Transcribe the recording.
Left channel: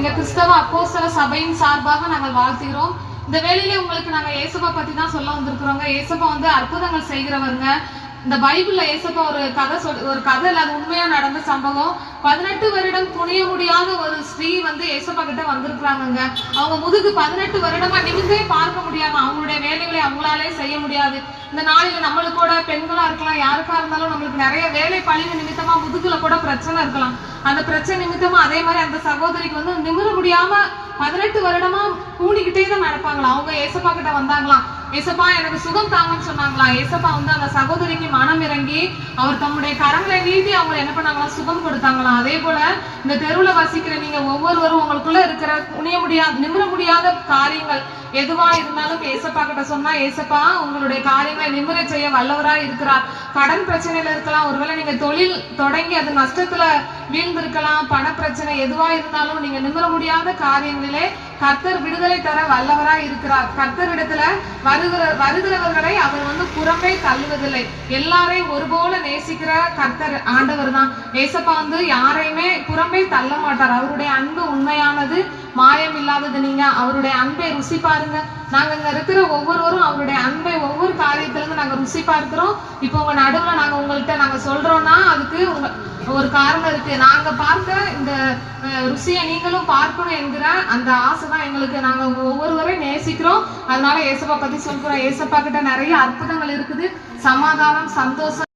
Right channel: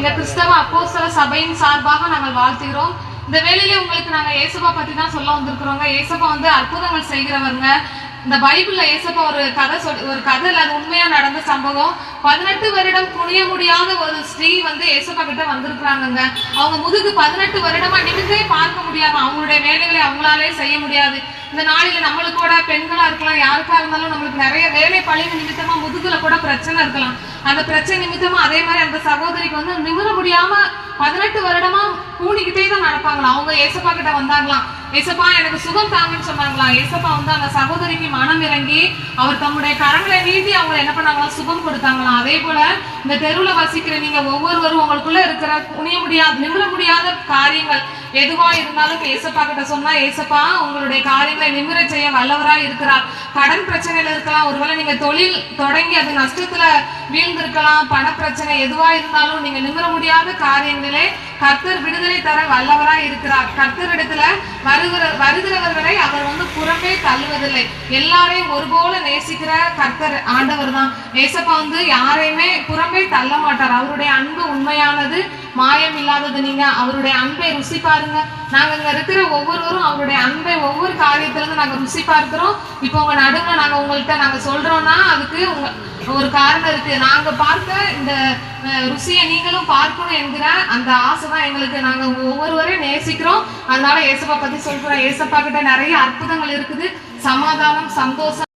எங்க கிறிஸ்தவ அப்போஸ்தல சபையின் சார்பாக நாங்கள் வாழ்த்துகிறோம். இந்த வேளையிலே உங்களுக்கு நாங்க ஏசப்பா பத்தி தான் சொல்ல வந்திருக்கிறோங்க. ஏசப்பா வந்து அற்புதங்கள் செய்கிறவங்க. இந்த பைபிள்ல ஏசப்பா ஒரு கதை அது உண்மையா நடந்த சம்பவம். 18 வருடம் துணிய முடியாத ஒரு ஸ்திரீ வந்து ஏசப்பா கிட்ட வந்திருக்கிறாங்க. அவங்க முதுகு 18 வருடமா நிமிந்தே பார்க்க முடியாது. அவங்களுடைய வேலைகளை அவங்களாலே செய்ய முடியாது. இந்த நாளில நம்மளுக்கு கூட பெண்களா இருக்கலாம், யாருக்கா இருந்தாலும் நம்மளுக்கு நிறைய வேலை பழிவு நிமித்தமா முதுகுல கூட பிரச்சனை இருக்கலாம். அந்த பிரச்சனை நிமித்தமா அதே மாதிரி அந்த சகோதரிக்கு வந்து நிமிர முடியாம 18 வருடமா கூடிக்கிட்டே தான் நடப்பாங்களாம். அவங்க ஏசப்பா கிட்ட வந்தாங்களாம். ஏசப்பா எனக்கு சுகம் தாங்கன்னு சொன்னாங்களாம். ஏசப்பா வந்து அந்த சகோதரிக்கு மனம் இறங்கி அவர் தம்முடைய கரங்களை நீட்டி அவங்க என்ன பண்ணாங்களாம், சுகம் கொடுத்தாங்களாம். அதே போல இந்த தெருவுல வசிக்கிற நீங்க ஒவ்வொருவரும் உங்களுக்குள்ள இருக்கிற நிமிர முடியாத காரியங்கள் எதுவா இருந்தாலும் ஏசப்பா கிட்ட சொன்னா ஏசப்பா உங்களுடைய காரியங்களை நிமிர செய்ய வல்லவரா இருக்கிறார். கடன் பிரச்சனையில இருக்கலாம், ஒருவேளை நீங்க தொழில் தொடங்கி அது நஷ்டத்துல வீழ்ந்திருக்கலாம், பண பிரச்சனை எதுவா இருந்தாலும் நீங்க நிமிர முடியாத காரியங்களே கர்த்தர் விடுதலை தர வல்லவரா இருக்கிறார். கர்த்தரிடத்துல வருகிறவர்களை அவர் வந்து புறமே தள்ளுவதில்லை. எல்லாரையும் ஒருபோல நேசிக்கிற கர்த்தர் ஆண்டவர் தான். ஏசப்பா வந்து யாரையுமே புறமே தள்ள மாட்டார். அவருடைய அன்பு உண்மையானது, மாயம் இல்லாதது. நீங்க அவருடைய அன்பை ருசி பாருங்க. நாங்க இங்க இருக்கிற ஒவ்வொருவரும் அவருடைய அன்பை ஒவ்வொரு காரியத்துல இருந்து நாங்க ருசி பார்க்கிறோம். இப்போ உங்க நடுவுல நாங்க உங்கள்கிட்ட நாங்க சொல்றோம்னா அதுக்கு ஒரு காரணம் இருக்கு. நாங்க பார்க்க இந்த ருசியை நீங்களும் பார்க்கணும் என்கிற அந்த ஆசை தான் எங்களுக்கு. நாங்க ஒவ்வொருவரையும் நேசிக்கிறோம். அதனால ஏசப்பா பத்தி சொல்றோம். ஏசப்பா கிட்ட நிறைய அற்புதங்கள் இருக்குது. சமாதானம், சந்தோஷம்.